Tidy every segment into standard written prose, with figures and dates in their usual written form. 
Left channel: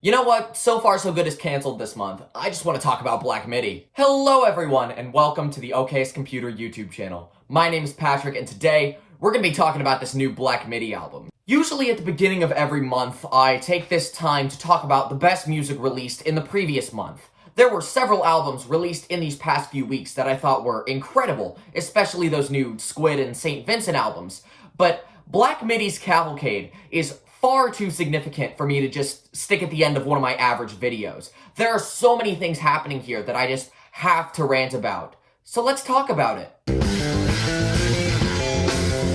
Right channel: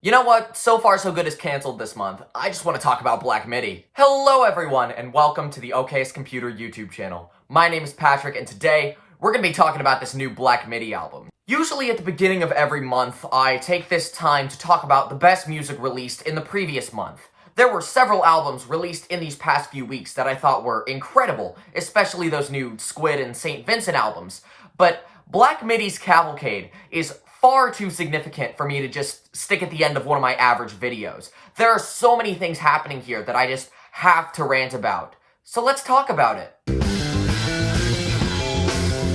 You know what? So Far So Good is canceled this month. I just want to talk about Black Midi. Hello everyone, and welcome to the OK's Computer YouTube channel. My name is Patrick, and today we're going to be talking about this new Black Midi album. Usually at the beginning of every month, I take this time to talk about the best music released in the previous month. There were several albums released in these past few weeks that I thought were incredible, especially those new Squid and St. Vincent albums. But Black Midi's Cavalcade is far too significant for me to just stick at the end of one of my average videos. There are so many things happening here that I just have to rant about. So let's talk about it.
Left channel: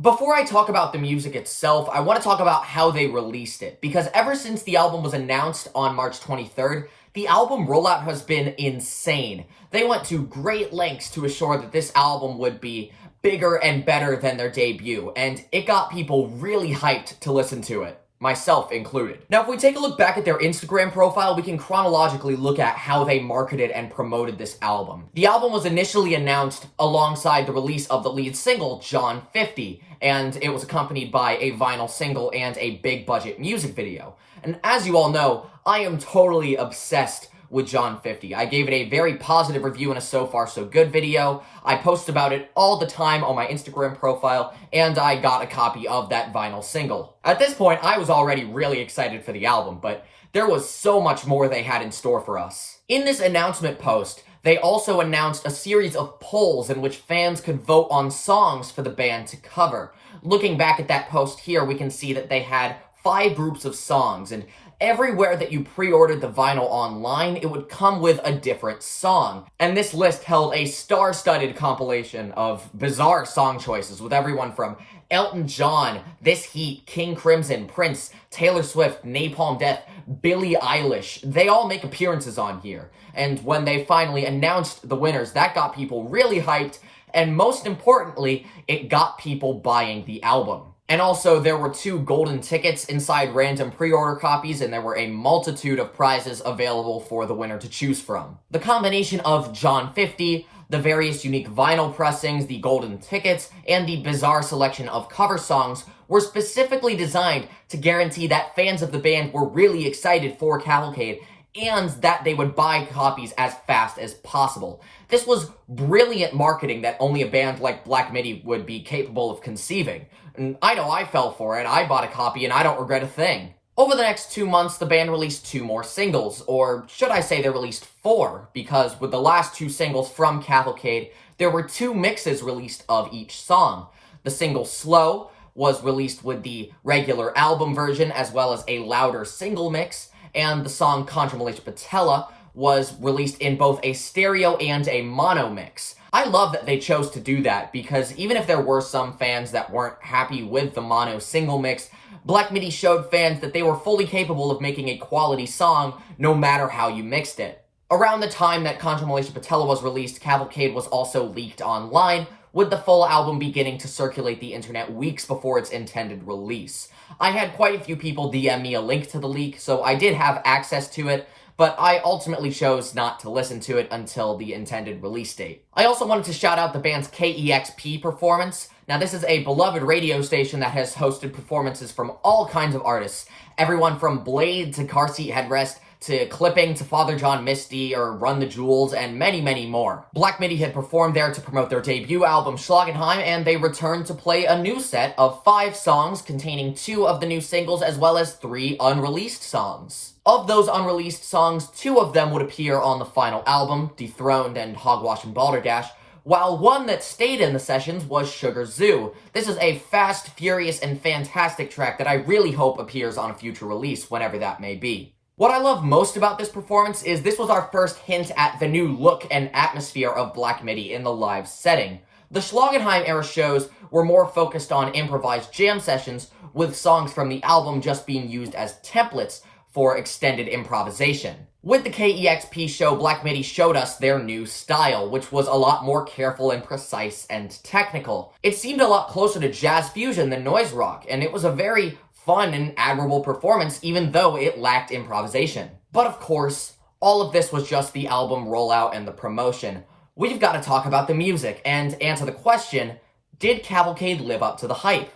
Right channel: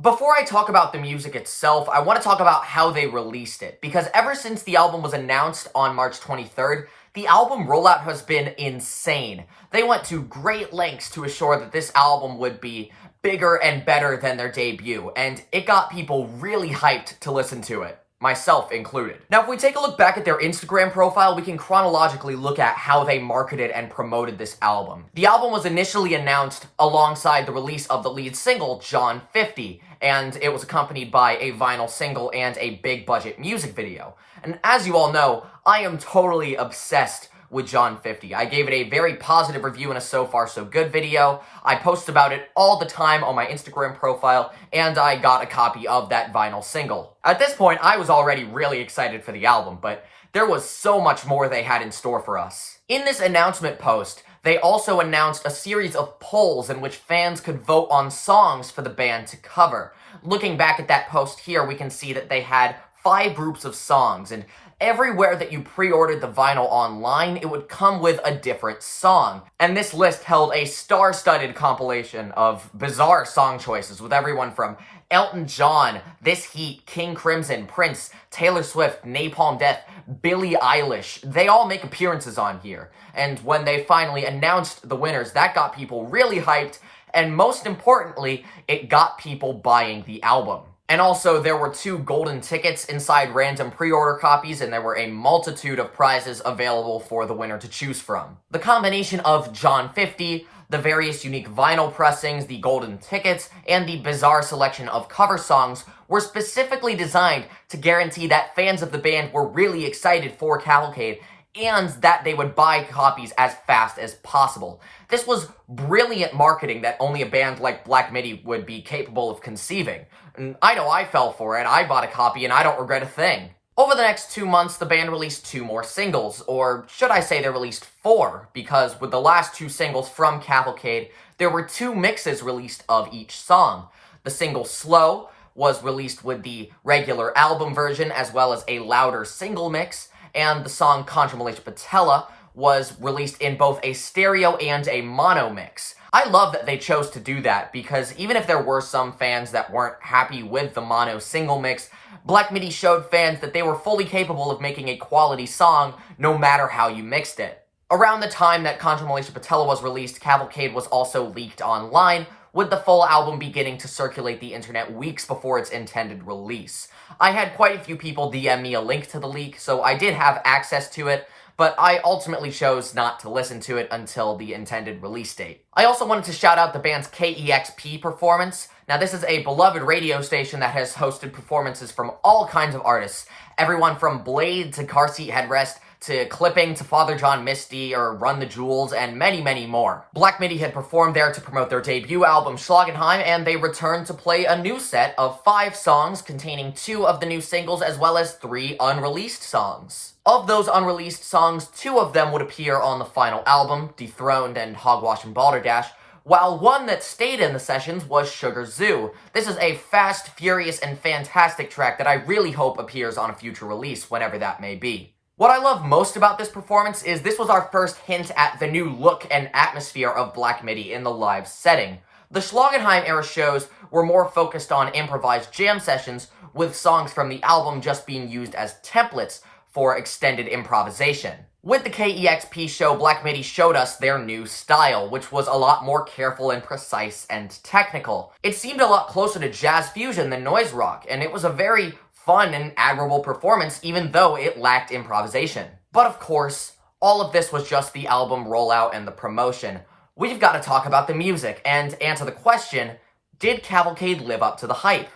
Before I talk about the music itself, I want to talk about how they released it, because ever since the album was announced on March 23rd, the album rollout has been insane. They went to great lengths to assure that this album would be bigger and better than their debut, and it got people really hyped to listen to it. Myself included. Now, if we take a look back at their Instagram profile, we can chronologically look at how they marketed and promoted this album. The album was initially announced alongside the release of the lead single, John 50, and it was accompanied by a vinyl single and a big budget music video. And as you all know, I am totally obsessed with John 50. I gave it a very positive review in a So Far So Good video. I post about it all the time on my Instagram profile, and I got a copy of that vinyl single. At this point, I was already really excited for the album, but there was so much more they had in store for us. In this announcement post, they also announced a series of polls in which fans could vote on songs for the band to cover. Looking back at that post here, we can see that they had 5 groups of songs, and everywhere that you pre-ordered the vinyl online, it would come with a different song. And this list held a star-studded compilation of bizarre song choices, with everyone from Elton John, This Heat, King Crimson, Prince, Taylor Swift, Napalm Death, Billie Eilish. They all make appearances on here. And when they finally announced the winners, that got people really hyped, and most importantly, it got people buying the album. And also, there were 2 golden tickets inside random pre-order copies, and there were a multitude of prizes available for the winner to choose from. The combination of John 50, the various unique vinyl pressings, the golden tickets, and the bizarre selection of cover songs were specifically designed to guarantee that fans of the band were really excited for Cavalcade, and that they would buy copies as fast as possible. This was brilliant marketing that only a band like Black Midi would be capable of conceiving. And I know I fell for it. I bought a copy and I don't regret a thing. Over the next 2 months, the band released 2 more singles, or should I say they released 4, because with the last 2 singles from Cavalcade, there were 2 mixes released of each song. The single Slow was released with the regular album version, as well as a louder single mix, and the song Contra Malaysia Patella was released in both a stereo and a mono mix. I love that they chose to do that, because even if there were some fans that weren't happy with the mono single mix, Black Midi showed fans that they were fully capable of making a quality song no matter how you mixed it. Around the time that Contra Malaysia Patella was released, Cavalcade was also leaked online, with the full album beginning to circulate the internet weeks before its intended release. I had quite a few people DM me a link to the leak, so I did have access to it, but I ultimately chose not to listen to it until the intended release date. I also wanted to shout out the band's KEXP performance. Now, this is a beloved radio station that has hosted performances from all kinds of artists, everyone from Blade to Car Seat Headrest, to Clipping, to Father John Misty, or Run the Jewels, and many, many more. Black Midi had performed there to promote their debut album, Schlagenheim, and they returned to play a new set of 5 songs containing 2 of the new singles, as well as 3 unreleased songs. Of those unreleased songs, 2 of them would appear on the final album, Dethroned and Hogwash and Balderdash, while one that stayed in the sessions was Sugar Zoo. This is a fast, furious, and fantastic track that I really hope appears on a future release, whenever that may be. What I love most about this performance is this was our first hint at the new look and atmosphere of Black Midi in the live setting. The Schlagenheim era shows were more focused on improvised jam sessions, with songs from the album just being used as templates for extended improvisation. With the KEXP show, Black Midi showed us their new style, which was a lot more careful and precise and technical. It seemed a lot closer to jazz fusion than noise rock, and it was a very fun and admirable performance, even though it lacked improvisation. But of course, all of this was just the album rollout and the promotion. We've got to talk about the music and answer the question, did Cavalcade live up to the hype?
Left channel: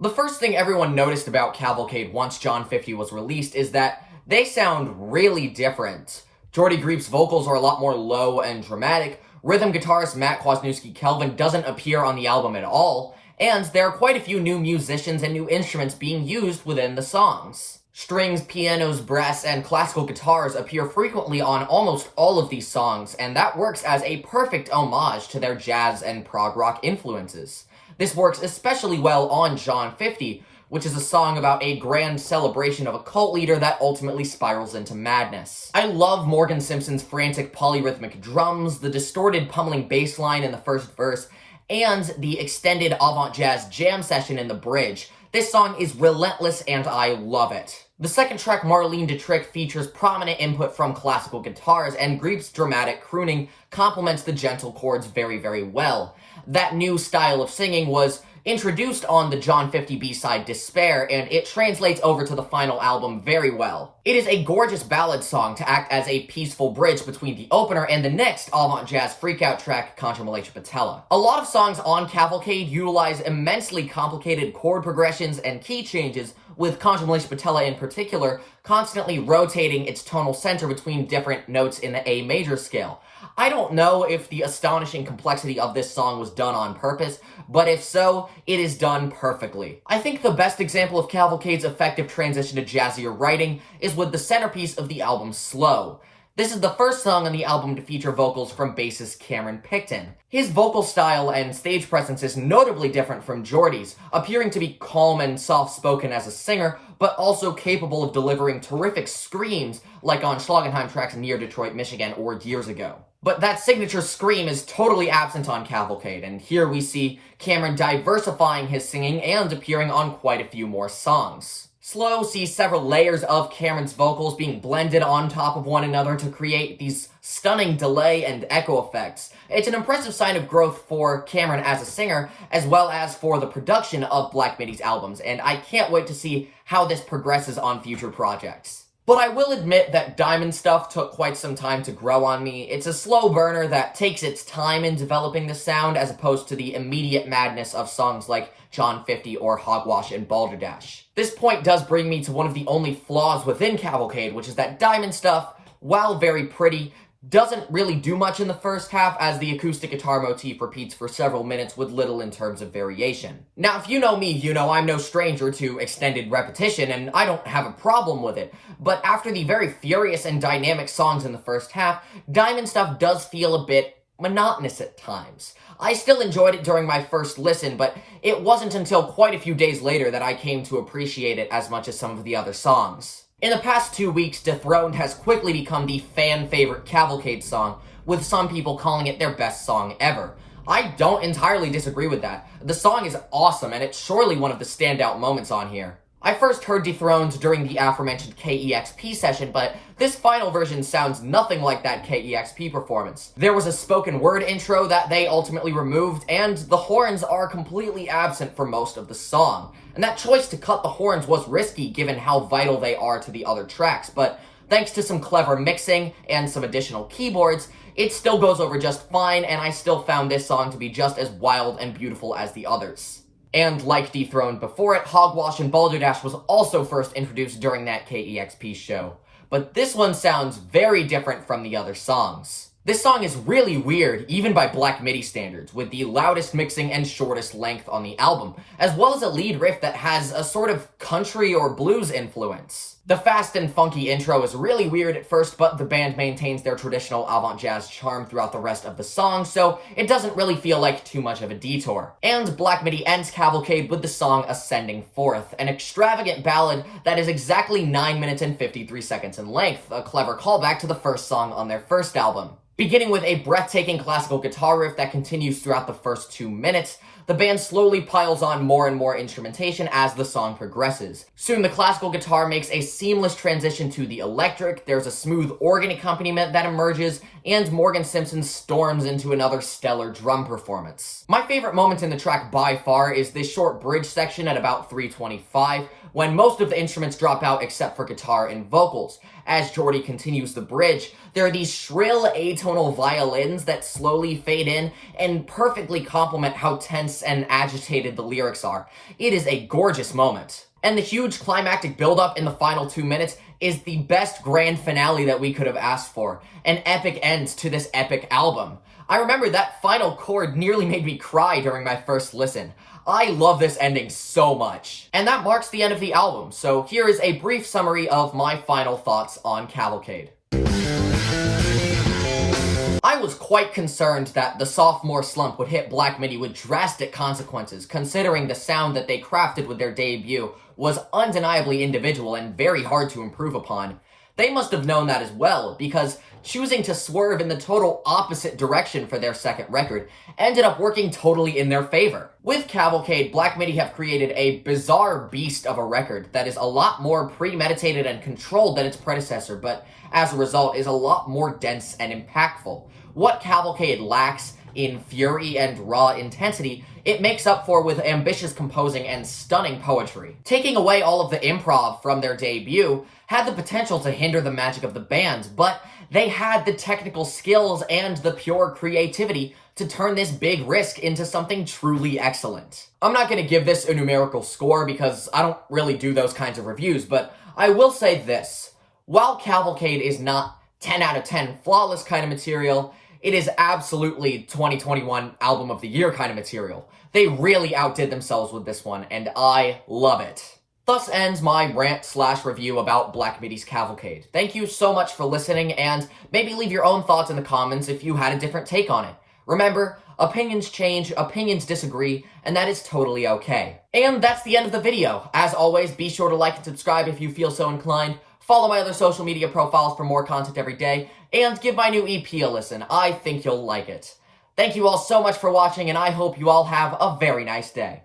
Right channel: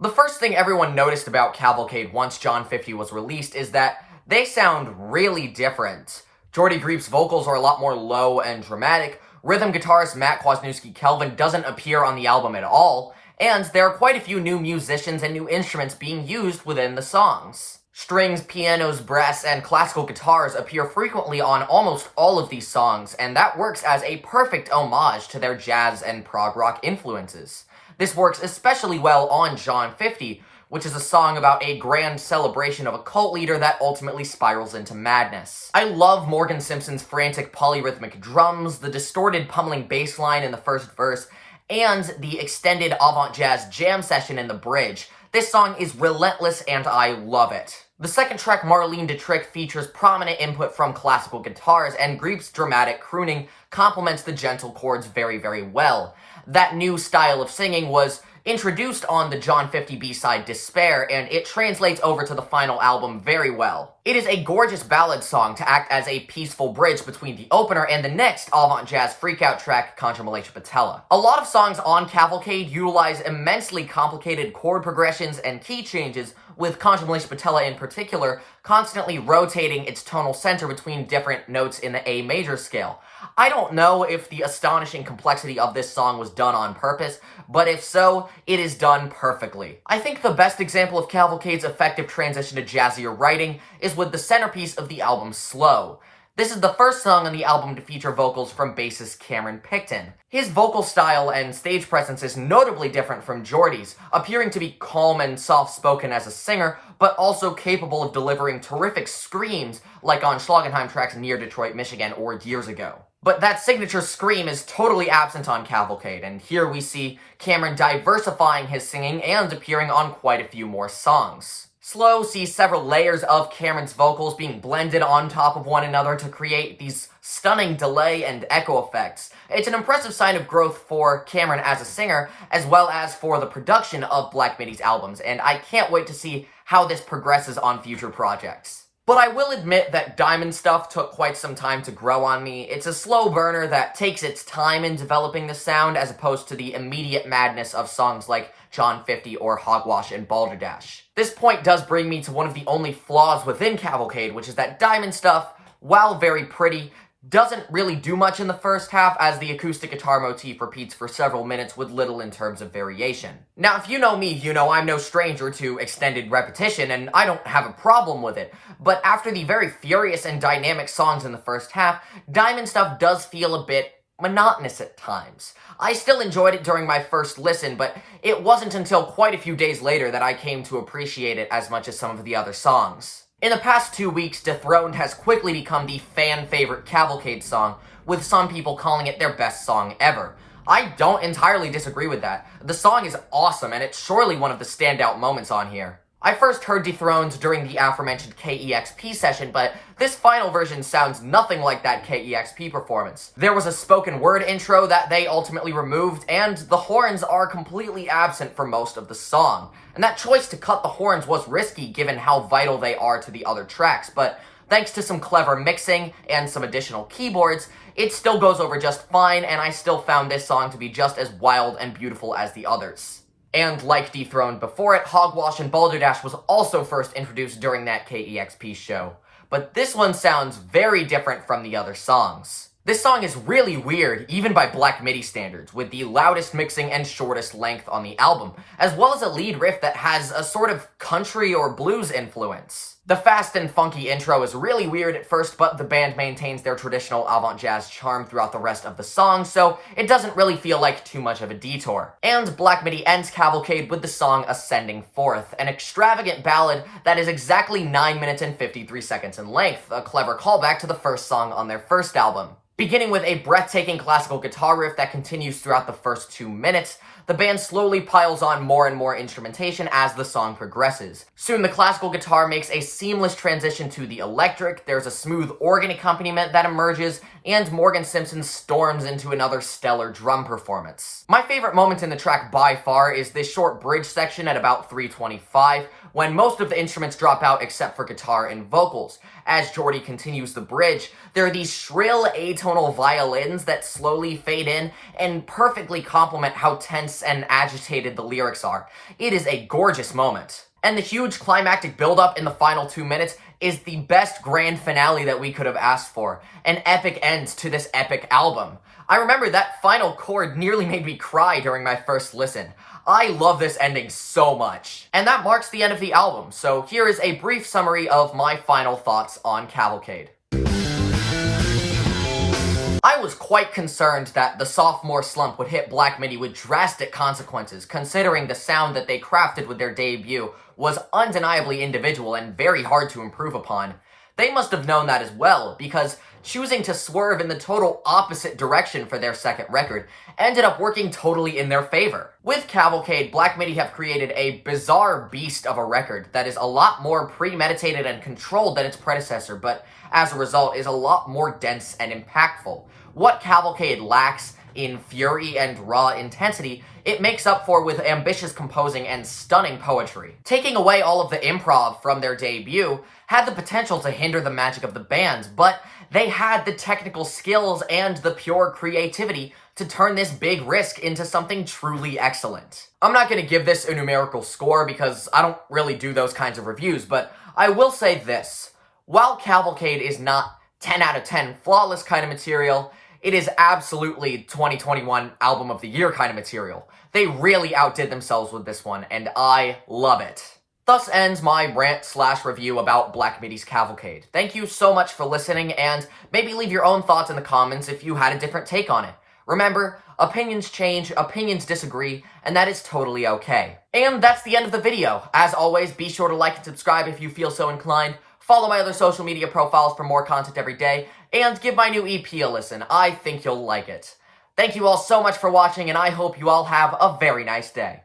The first thing everyone noticed about Cavalcade once John 50 was released is that they sound really different. Jordy Grief's vocals are a lot more low and dramatic, rhythm guitarist Matt Kwasniewski-Kelvin doesn't appear on the album at all, and there are quite a few new musicians and new instruments being used within the songs. Strings, pianos, brass, and classical guitars appear frequently on almost all of these songs, and that works as a perfect homage to their jazz and prog rock influences. This works especially well on John 50, which is a song about a grand celebration of a cult leader that ultimately spirals into madness. I love Morgan Simpson's frantic polyrhythmic drums, the distorted pummeling bass line in the first verse, and the extended avant-jazz jam session in the bridge. This song is relentless and I love it. The second track, Marlene Dietrich, features prominent input from classical guitars, and Grief's dramatic crooning complements the gentle chords very, very well. That new style of singing was introduced on the John 50 B-side Despair, and it translates over to the final album very well. It is a gorgeous ballad song to act as a peaceful bridge between the opener and the next avant-jazz freakout track, Contra Malaysia Patella. A lot of songs on Cavalcade utilize immensely complicated chord progressions and key changes, with Contra Malaysia Patella in particular constantly rotating its tonal center between different notes in the A major scale. I don't know if the astonishing complexity of this song was done on purpose, but if so, it is done perfectly. I think the best example of Cavalcade's effective transition to jazzier writing is with the centerpiece of the album, Slow. This is the first song on the album to feature vocals from bassist Cameron Picton. His vocal style and stage presence is notably different from Jordy's, appearing to be calm and soft-spoken as a singer, but also capable of delivering terrific screams like on Schlagenheim tracks Near Detroit, Michigan, or Years Ago. But that signature scream is totally absent on Cavalcade, and here we see Cameron diversifying his singing and appearing on quite a few more songs. Slow sees several layers of Cameron's vocals being blended on top of one another to create these stunning delay and echo effects. It's an impressive sign of growth for Cameron as a singer, as well as for the production of Black Midi's albums, and I can't wait to see how this progresses on future projects. But I will admit that Diamond Stuff took quite some time to grow on me. It's a slow burner that takes its time in developing the sound, as opposed to the immediate madness of songs like John 50 or Hogwash and Balderdash. This point does bring me to one of the only flaws within Cavalcade, which is that Diamond Stuff, while very pretty, doesn't really do much in the first half, as the acoustic guitar motif repeats for several minutes with little in terms of variation. Now, if you know me, you know I'm no stranger to extended repetition, and I don't have a problem with it. But after the very furious and dynamic songs in the first half, Diamond Stuff does feel a bit monotonous at times. I still enjoyed it during my first listen, but it wasn't until quite a few days later that I came to appreciate it as much as some of the other songs. In the past 2 weeks, Dethroned has quickly become the fan-favorite Cavalcade song, with some people calling it their best song ever. I don't entirely disagree with that. The song is awesome, and it's surely one of the standout moments on here. I first heard Dethroned during the aforementioned KEXP session, but this final version sounds nothing like that KEXP performance. There was a spoken word intro that they ultimately removed, and the horns are completely absent for most of the song. And that choice to cut the horns was risky given how vital they are to the other tracks, but thanks to some clever mixing and some additional keyboards, it still goes over just fine, and I still found this song to be just as wild and beautiful as the others. And like Dethroned before it, Hogwash and Balderdash was also first introduced during that KEXP show. But this one sounds very different from the other songs. This song is really weird, even by Black Midi standards, with the loudest mixing and shortest length on the album, as well as a lead riff that has a sort of country or blues influence. The fast and funky intro is really weird at first, but the band maintains their traditional avant-jazz charm throughout the rest of the song, so it doesn't really feel like too much of a detour. And Black Midi ends Cavalcade with the song Ascending Forth, an extravagant ballad that is exactly 9 minutes and 53 seconds in length, a clever callback to the first song on their first album. Beginning with a breathtaking classical guitar riff that continues throughout the first 2 minutes, the band slowly piles on more and more instrumentation as the song progresses. Soon the classical guitar makes a seamless transition to the electric, there's a smooth organ accompaniment that emerges, and Morgan Simpson storms into another stellar drum performance. My favorite moment in the track by far is this short bridge section at about 3:25, when most of the instruments drop out except for guitar and vocals. As Jordy continues the bridge, there are these shrill atonal violins that slowly fade in and perfectly complement how tense tense and agitated the lyrics are. It is a gorgeous moment. And the huge climactic buildup in the final 2 minutes is the best grand finale that we could have asked for. An epic end to this epic album. I remember that final chord nearly made me cry during my first listen. I love this ending so much. And that marks the end of the album, so here is a brief summary of my final thoughts on Cavalcade. I was quite concerned that the sophomore slump would hit Black Midi with drastic consequences, considering the sound that they crafted with their debut was undeniably individual and very hard to improve upon. They must have known that as well, because choosing to swerve in the total opposite direction for their second record ended up working totally in their favor. With Cavalcade, Black Midi have created a bizarre beast of a record that is a lot more premeditated and controlled than its predecessor, but as a result is a lot more dense and impactful. What Cavalcade lacks in fury and raw intensity, it makes up for with ambitious composing and stunning poetry. Taking away all of the improv from their debut had the potential to hinder the magic of the band, but they had the technical skills and the pure creativity to turn this big risk into something truly excellent. I'm not going to give this a numerical score because I don't really do those kinds of reviews, but I will say this. While Cavalcade is not 10 out of 10 flawless kind of material, it is absolutely 2021 album of the year kind of material. They really outdid themselves with this one, and I love it. Thus ends my rant/review about Black Midi's Cavalcade. Thank you so much for listening, and maybe leave your own thoughts in the comments if you had a different take on it. Remember, opinions change, opinions disagree, and that is totally okay. And that's the end of the video. As always, be sure to like and subscribe if you feel so inclined. Follow my other social media profiles for more content every day, and give my new EP a listen. I think you'll like it. Thank you all so much for watching, and I hope you all have a very nice day.